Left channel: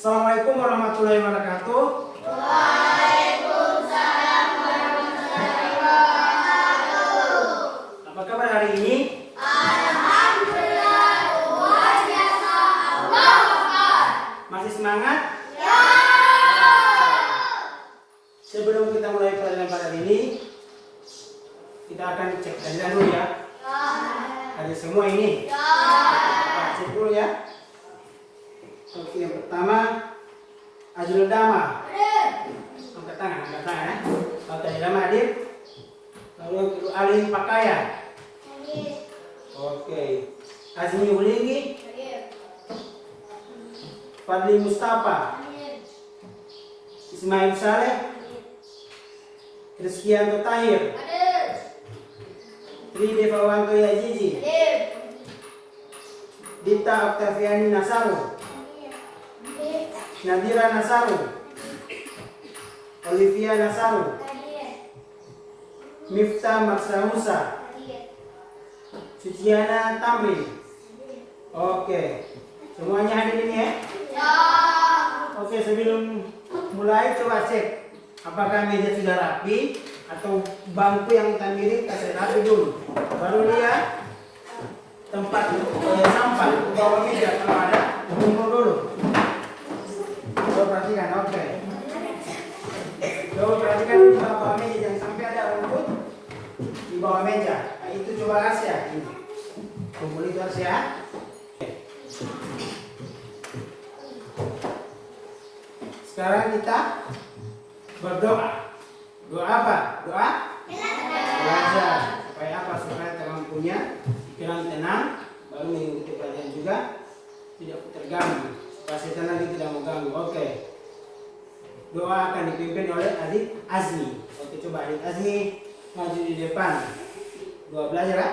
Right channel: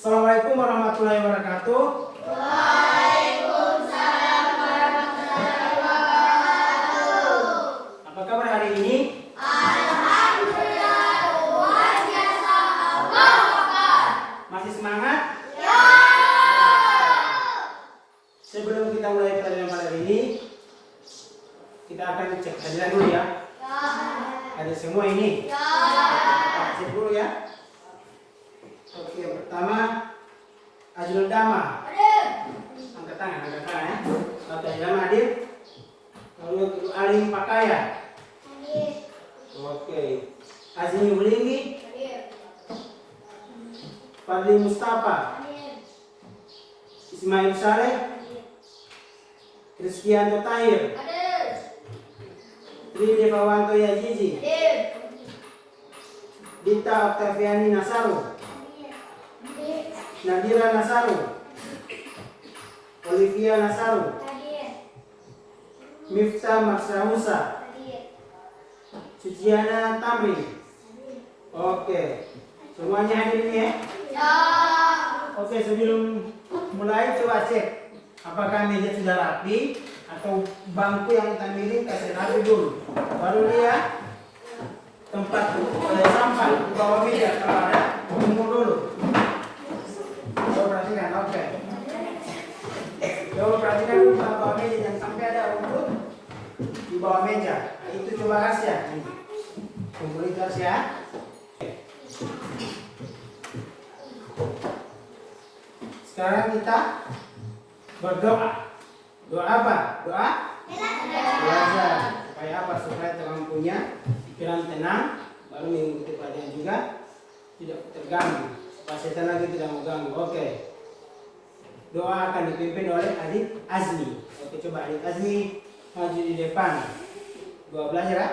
Assalamualaikum warahmatullahi wabarakatuh. Waalaikumsalam warahmatullahi wabarakatuh. Apa kabar hari ini? Alhamdulillah, luar biasa. Allahu Akbar. Masih semangat? Ya. Sebelum kita mulai pelajaran pada hari ini, kita akan cek hadiah dulu ya. Ada semua ini. Ya. Kita cek dulu ya. Oke, yang pertama Ajrul Dama. Angkat tangan ya. Oke, Ajrul Dama hadir. Lalu yang kedua Alim Pakaya. Oke. Azmi Ulingi. Fadli Mustafa. Ismail Saleh. Rizkianto Tahir. Tri Devawanto Yazizi. Dita Oktaviani Nasaru. Nadira Nasaru. Olivia Nasaru. Miftah Marsa Musa. Suciana Tamri. Oke. Semuanya hadir ini ya? Ya. Oke, sebelum mulai coba cek apakah meja sudah rapi atau bangku yang kita pilih kasih rapi dulu. Baru lihat tempat sampah di bawah meja kalau ada kumpul dulu. Coba perhatikan, oke. Coba perhatikan di bawah meja, jangan sampai ada rumput di bawah meja. Nah, itu coba kasih ya. Ini. Kumpul itu harus ya. Sekarang kita berdoa. Doa apa? Doa? Belajar. Supaya apa? Supaya kamu punya pikiran tenang, baru mengikuti pelajaran juga tidak terganggu. Supaya setan lagi tidak mengganggu. Oke. Doa akan dipimpin oleh Adik Azmi. Oke, coba Adik Azmi maju di depan. Doa belajar ya?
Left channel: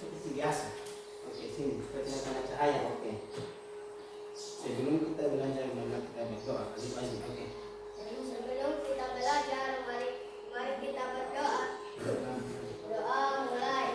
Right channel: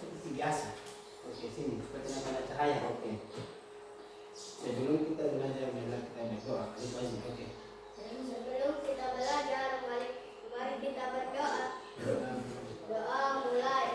Seperti biasa. Oke, sini. Seperti ada cahaya. Oke. Sebelum kita belajar, kita berdoa. Adik Azmi. Oke. Sebelum kita belajar, mari kita berdoa. Doa mulai.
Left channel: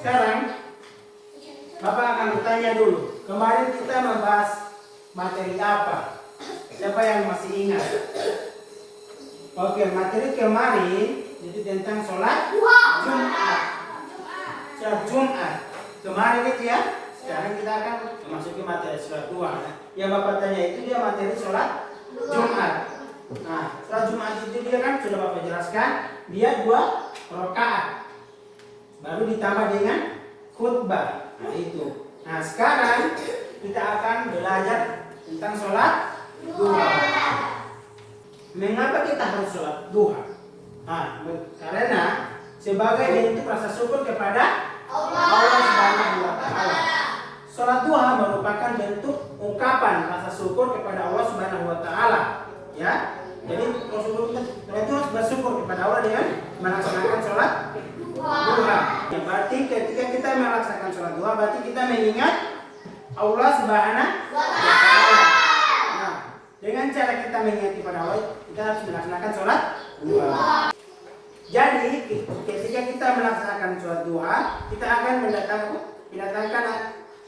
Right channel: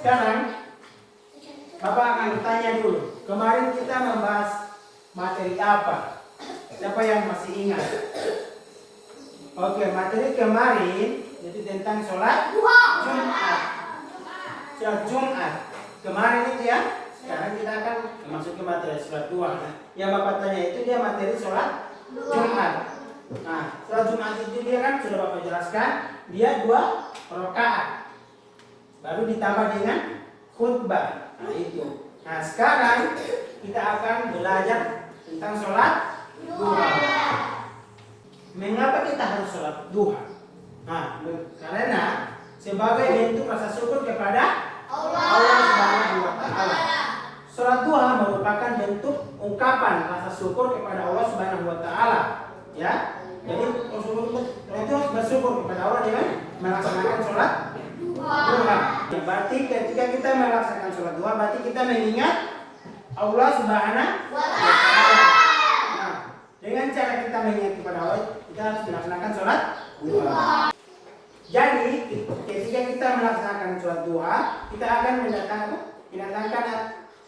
Sekarang Bapak akan bertanya dulu. Kemarin kita membahas materi apa? Siapa yang masih ingat? Oke, materi kemarin jadi tentang sholat Jumat. Sholat Jumat. Kemarin itu ya. Sekarang kita akan memasuki materi sholat duha. Nah, yang Bapak tanya itu dia materi sholat Jumat. Nah, sholat Jumat itu dia kan sudah Bapak jelaskan, dia 2 rakaat. Baru ditambah dengan khutbah. Nah itu. Nah sekarang kita akan belajar tentang sholat duha. Mengapa kita harus sholat duha? Nah, karena sebagai bentuk rasa syukur kepada Allah Subhanahu wa Ta'ala. Sholat duha merupakan bentuk ungkapan rasa syukur kepada Allah Subhanahu wa Ta'ala. Ya. Jadi Rasulullah itu bersyukur kepada Allah dengan melaksanakan sholat duha. Berarti ketika kita melaksanakan sholat duha, berarti kita mengingat Allah Subhanahu wa Ta'ala. Nah, dengan cara kita mengingat kepada Allah, kita harus melaksanakan sholat duha. Jadi ketika kita melaksanakan sholat duha, kita akan mendatangkan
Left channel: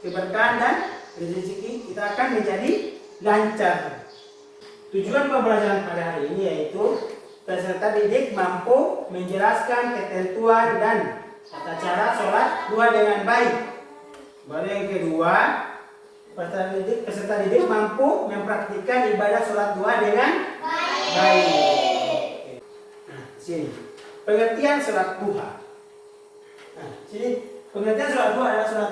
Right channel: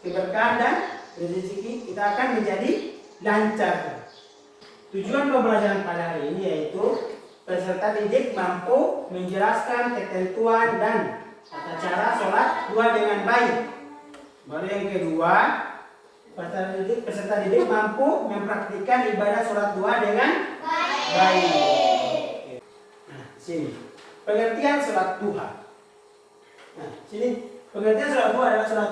keberkahan dan rezeki kita akan menjadi lancar. Tujuan pembelajaran pada hari ini yaitu peserta didik mampu menjelaskan ketentuan dan tata cara sholat duha dengan baik. Baru yang kedua, peserta didik mampu mempraktikkan ibadah sholat duha dengan baik. Nah, sini pengertian sholat duha. Nah, sini pengertian sholat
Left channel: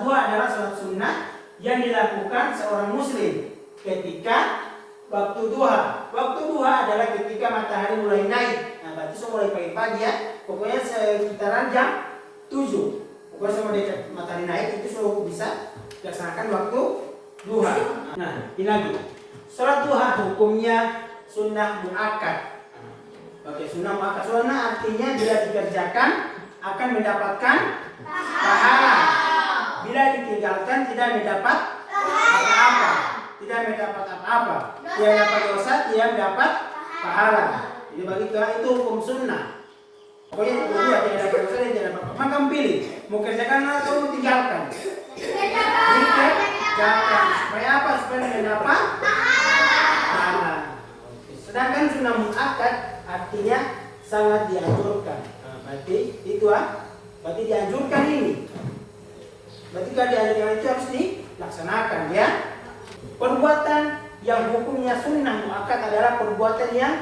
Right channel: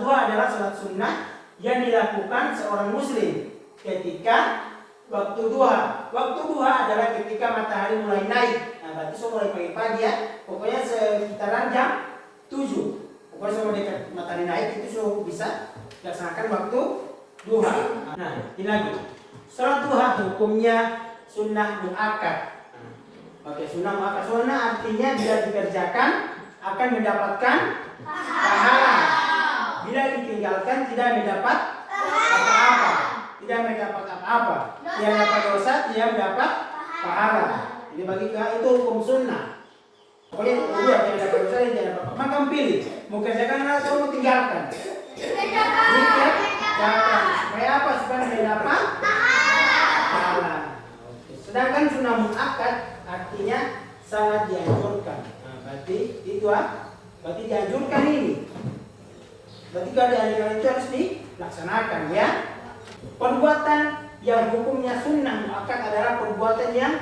duha adalah sholat sunnah yang dilakukan seorang muslim ketika waktu duha. Waktu duha adalah ketika matahari mulai naik. Nah, berarti semua mulai pagi-pagi ya. Pokoknya sekitaran jam 7. Pokoknya sama dekat matahari naik itu sudah bisa dilaksanakan waktu duha. Nah, ini lagi. Salat duha hukumnya sunnah muakkad. Oke, sunnah muakkad. Sunnah artinya bila dikerjakan akan mendapatkan pahala. Bila ditinggalkan tidak mendapat apa-apa. Tidak mendapat apa-apa. Tidak dapat dosa, tidak mendapat pahala. Jadi begitu itu hukum sunnah. Pokoknya dua tidak dapat dosa dan tidak dapat apa. Maka pilih mau kerjakan atau mau tinggalkan. Jangan. Supaya apa? Supaya mendapat pahala. Sedangkan sunnah muakkad artinya sangat dianjurkan. Nah, berarti itu berarti dianjurkan ini. Berarti kalau dianjurkan itu harus dilaksanakan ya. Perbuatan yang hukumnya sunnah muakkad adalah perbuatan yang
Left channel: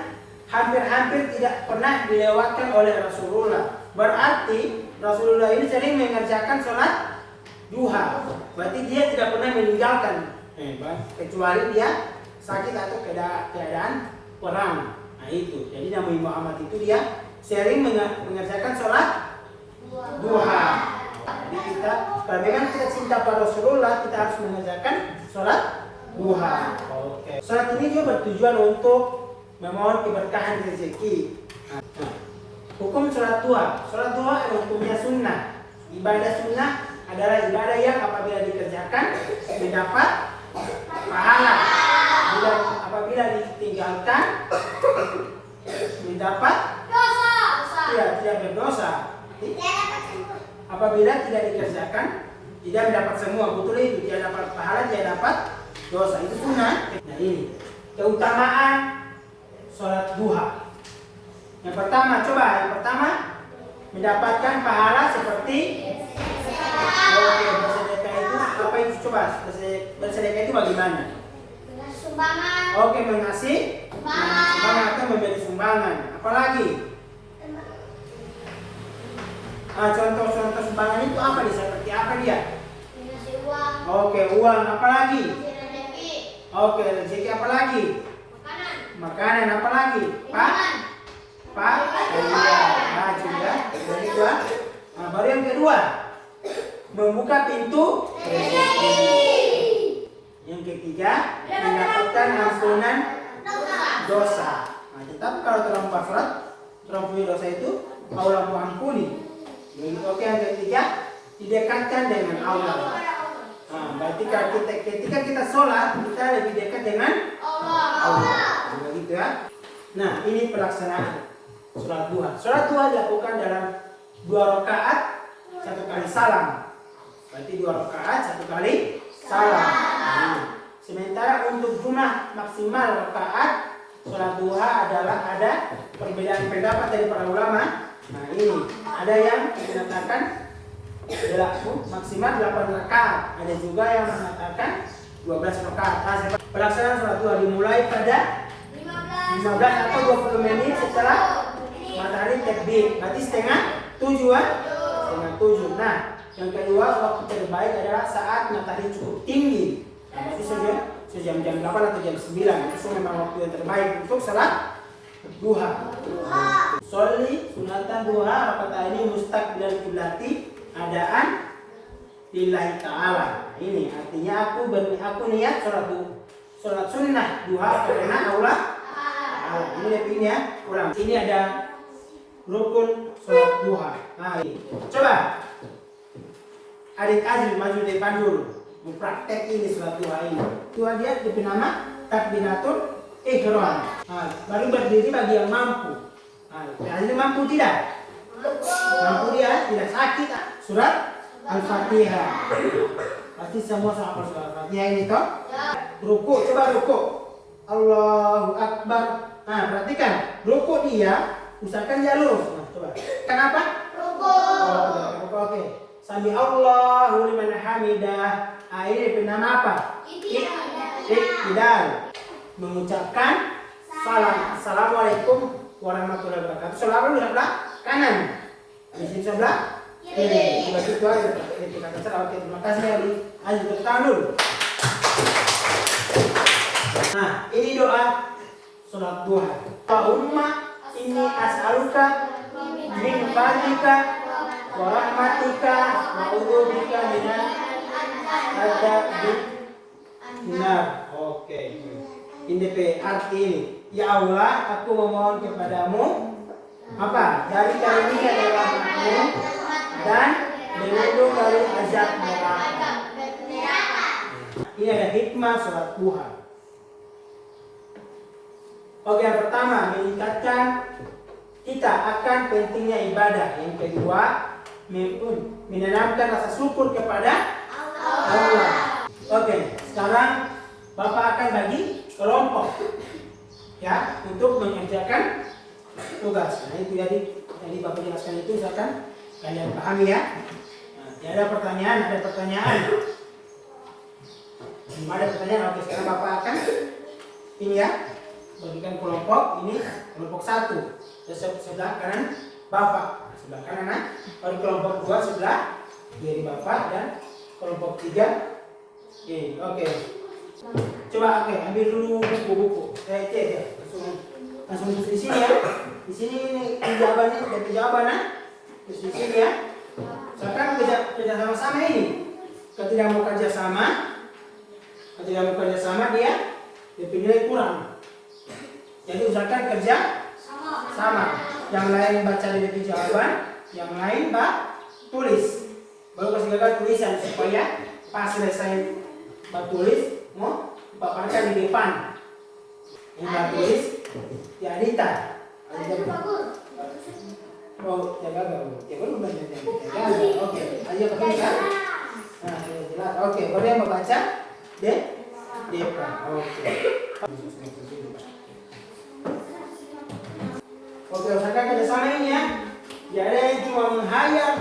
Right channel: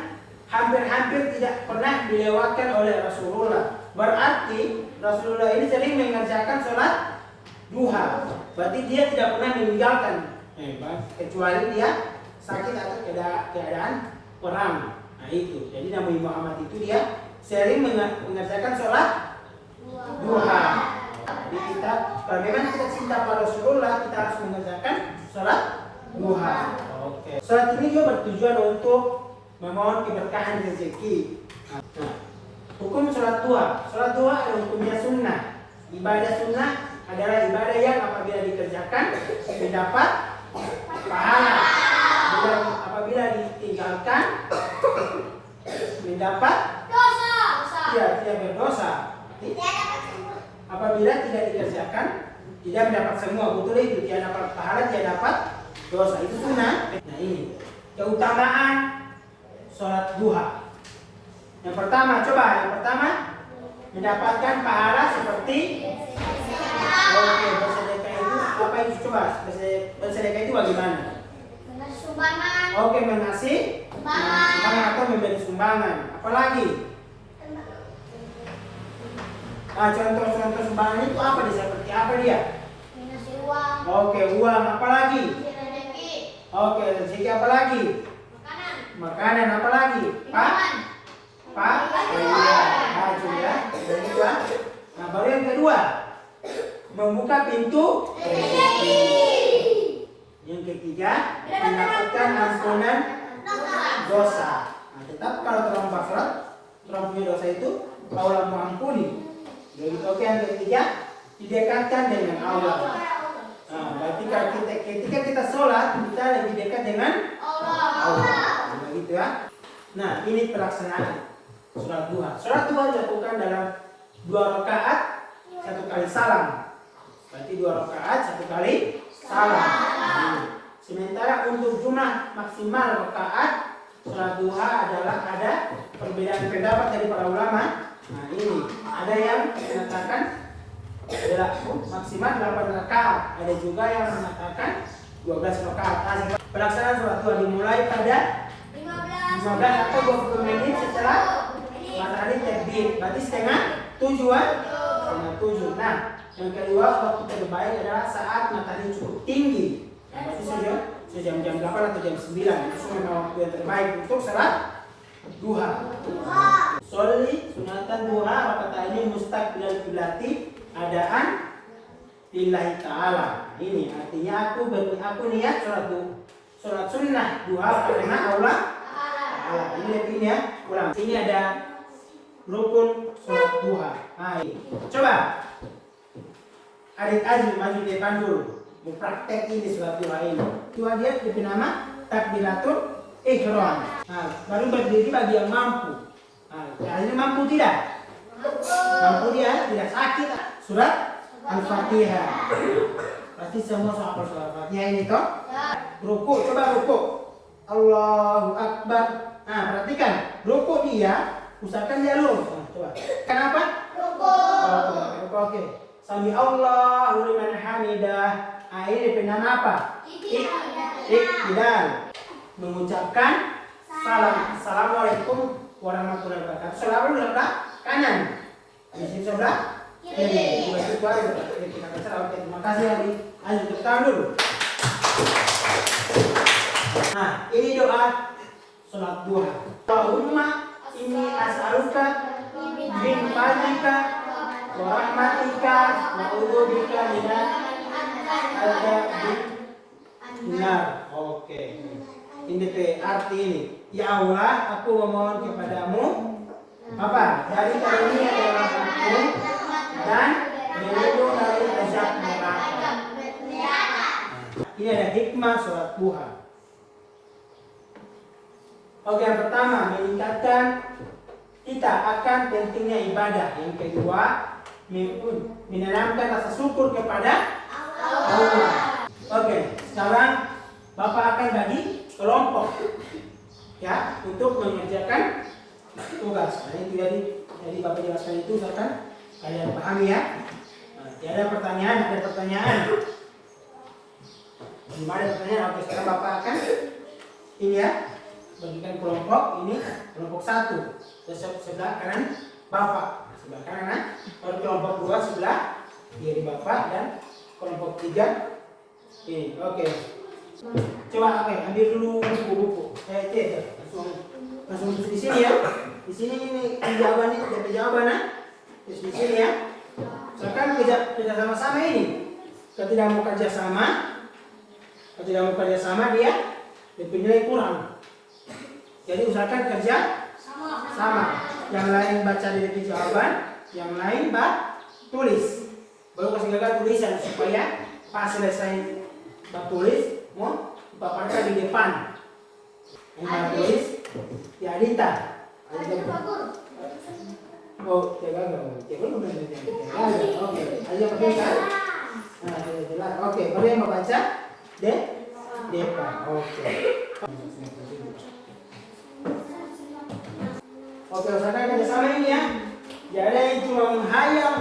hampir-hampir tidak pernah dilewatkan oleh Rasulullah. Berarti Rasulullah ini sering mengerjakan sholat duha. Berarti dia tidak pernah meninggalkan, kecuali dia sakit atau keadaan perang. Nah itu. Jadi Nabi Muhammad itu dia sering mengerjakan sholat duha. Jadi kita, kalau memang kita cinta pada Rasulullah, kita harus mengerjakan sholat duha. Oke. Sholat ini juga bertujuan untuk memohon keberkahan rezeki. Nah, hukum sholat duha. Sholat duha adalah hukumnya sunnah. Ibadah sunnah adalah ibadah yang apabila dikerjakan mendapat pahala. Apabila ditinggalkan mendapat Dosa. tidak berdosa. Apabila tidak dikerjakan tidak mendapat semua, betul itu, tidak dapat pahala, tidak dapat dosa. Itu sunnah. Nah ini keutamaan sholat duha. Yang pertama mendapatkan pahala seperti bersedekah itu apa itu coba? Bersedekah itu bagaimana? Sumbangan. Oke, mengasih sumbangan atau memberi sumbangan. Apalagi? Contoh-contoh sumbangan itu apa dia? Seperti apa dia? Ngasih uang. Oke, uang. Apalagi? Rezeki. Oke, rezeki apalagi? Makanan apalagi? Juga. Nah, baru yang kedua, membuka pintu rezeki. Yang ketiga, mendapatkan ampunan dosa. Nah, tetapi kalau terlampau berat, terlampau dosa itu Allah mengampuni. Begitu. Oke, yang ketiga, didekatkan dengan Allah. Nah, berarti kalau ketika kita sholat, kita lebih dekat dengan Allah. Begitu ya. Nah, ini pelaksanaan sholat duha. Sholat duha dilakukan dalam 2 rakaat, 1 kali salam. Berarti 2 rakaat, 1 kali salam. Nah, sementara untuk jumlah maksimal rakaat sholat duha adalah ada perbedaan pendapat dari para ulama. Nah ini ada yang mengatakan maksimal 8 rakaat, ada juga yang mengatakan 12 rakaat. Pelaksanaan sholat duha dimulai pada 15 atau 20 menit setelah matahari terbit. Berarti setengah 7 setengah 7. Nah, yang kedua waktu terbaik adalah saat matahari cukup tinggi. Nah, berarti jam 8 atau jam 9. Itu memang waktu yang terbaik untuk sholat duha. Sholli sunatan duha kata ini mustaqbilal qiblati adaan lillahi ta'ala. Ini artinya aku niat sholat sunnah duha karena Allah ta'ala. Ini lebihnya ulang. Ini ada rukun sholat duha. Nah, ini. Coba adik Azri maju depan dulu, mempraktek ini sholat duha ini. Duha dia diberi nama takbiratul ihram. Nah, baru berdiri bagi yang mampu. Nah, Azri mampu tidak? Mampu dia, tidak sakit. Surat Al-Fatihah. Pasti semua soal surat Al-Fatihah ini toh. Ruku, coba ruku. Allahu Akbar. Nah, perhatikan, ruku dia usahakan dia lurus. Nah, coba. Kenapa? Ruku. Ruku, oke. Sami Allahu liman hamidah. Nah, ini bernama apa? Iktidal. Mengucapkan salam. Assalamualaikum warahmatullahi wabarakatuh. Salam di sebelah kanan. Di sini sebelah kiri. Itu aja. Kita baca. Oke, terima kasih Ali. Ayo kita dulu. Nah, ini doa sholat duha. Allahumma inni as'aluka min fadlika wa rahmatika wa a'udzubika minal adzabil nar. Oke. Ini arti ini. Ya Allah, aku memohon kepadamu apa? Dari karunia dari rahmatmu dan berlindung dari azab neraka. Ini ada hikmah sholat duha. Oke, yang pertama meningkatkan kita akan pentingnya ibadah. Yang kedua, menanamkan rasa syukur kepada Allah. Oke, sekarang Bapak akan bagi kelompok ya untuk mengerjakan tugas. Nah itu jadi Bapak jelaskan itu misalkan kalian pahami ya. Nah, ada pertanyaan. Belum ada pertanyaan. Oke, sekarang Bapak akan ini ya bagikan kelompok ini kelompok 1 sebelah kanan Bapak, sebelah kanan. Baru kelompok 2 sebelah kiri Bapak dan kelompok 3 ini. Oke. Coba ambil dulu buku-buku. Langsung di sini ya. Di sini ini jawabannya dari jawaban terus di sini ya. Misalkan kerja sama-sama ini. Kalau tidak mau kerja sama dia nilai kurang. Jadi usahakan kerja sama. Yang lain baca di jawaban, yang lain tulis. Baru kasih gagal tulisan supaya pas selesai tulis mau paparkan di depan. Ini tulis ya Adita. Oh, jaga udah jaga. Oke, ayo pakai kan. Nah, jelas. Oke, baru yang membaca depan. Oke. Oke, usahakan kerjasama ini ya. Tidak ada yang cuma menghayal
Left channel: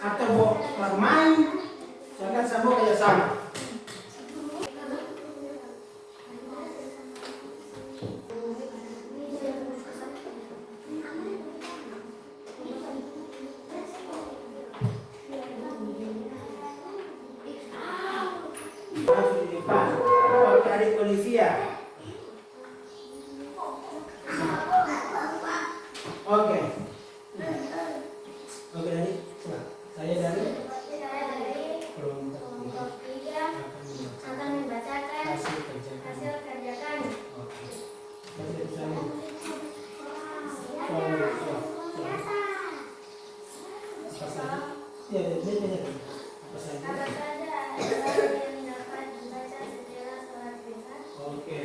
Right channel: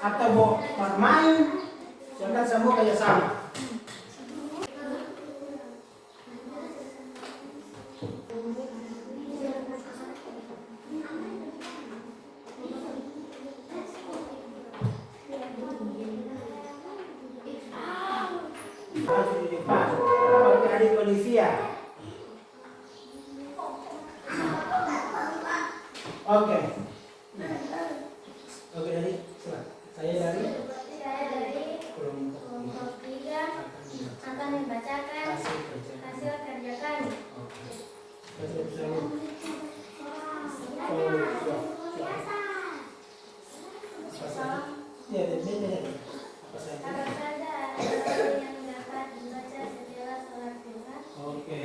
atau bermain. Jangan semua kerjasama. Harus di depan. Oke, adik Olivia. Oke. Oke, dari saya dari kelompok 3 akan membacakan hasil kerja kami. Oke. Apa saja yang dapat dibaca setelah sholat duha? Oke.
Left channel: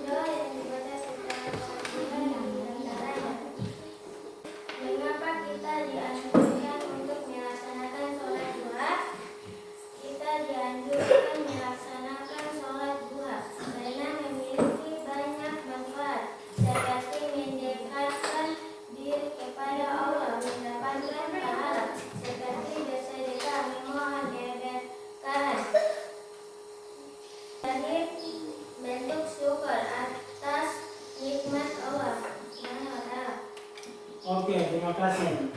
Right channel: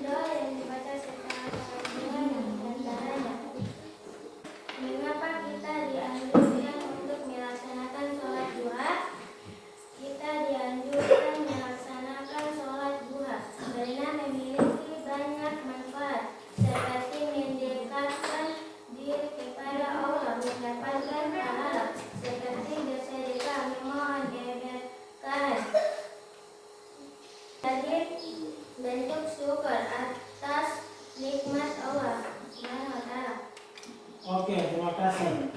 Doa yang dibaca setelah sholat duha dan diantaranya. Mengapa kita dianjurkan untuk melaksanakan sholat duha? Kita dianjurkan melaksanakan sholat duha karena memiliki banyak manfaat seperti mendekatkan diri kepada Allah, mendapatkan pahala seperti bersedekah, memohon keberkahan. Dari bentuk syukur atas nikmat Allah Subhanahu wa Ta'ala. Oke, terima kasih.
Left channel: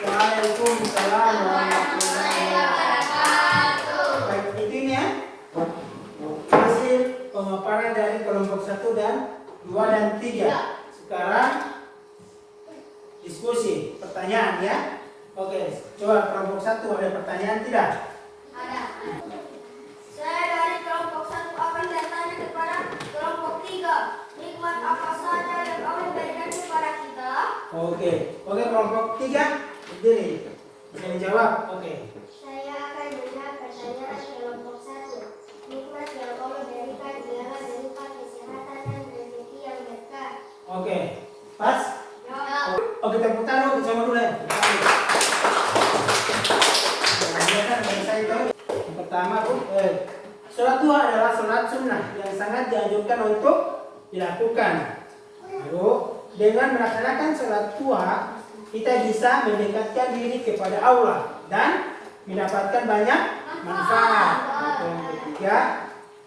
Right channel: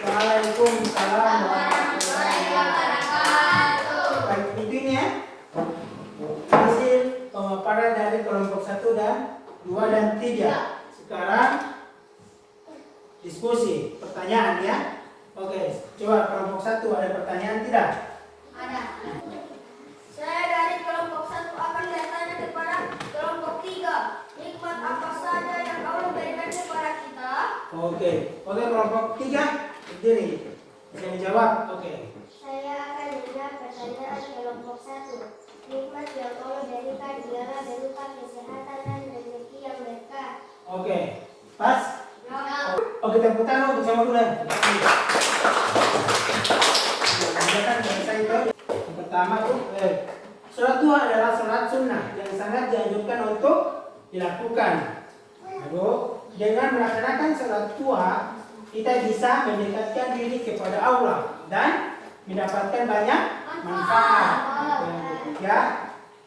Waalaikumsalam warahmatullahi wabarakatuh. Baik, intinya hasil pemaparan dari kelompok 1 dan 2 dan 3. Sekarang diskusi, pertanyaan ya. Oke, coba kelompok 1 ada pertanyaan tidak? Ada. Saya dari kelompok 1 akan bertanya kepada kelompok 3. Nikmat apa saja yang Allah berikan kepada kita? Oke, kelompok 3 berdiri. Bisa dijawab? Oke. Saya akan menjawab pertanyaan kelompok 1. Nikmat yang Allah berikan ialah berupa kesehatan dan rezeki yang berkah. Oke, pas? Ya. Oke, tepuk tangan bersama dulu ya. Yang pertama, sholat duha adalah sholat sunnah yang sangat dianjurkan untuk dilakukan. Lalu, dengan melaksanakan sholat duha, kita bisa mendekatkan diri kepada Allah dan mendapatkan banyak manfaat. Yang ketiga,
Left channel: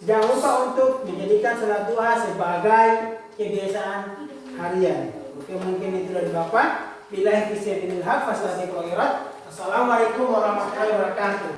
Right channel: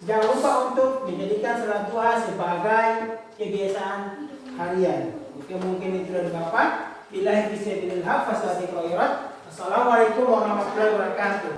jangan lupa untuk menjadikan sholat duha sebagai kebiasaan harian. Oke, mungkin itu dari Bapak. Billahi taufiq wal hidayah. Assalamualaikum warahmatullahi wabarakatuh.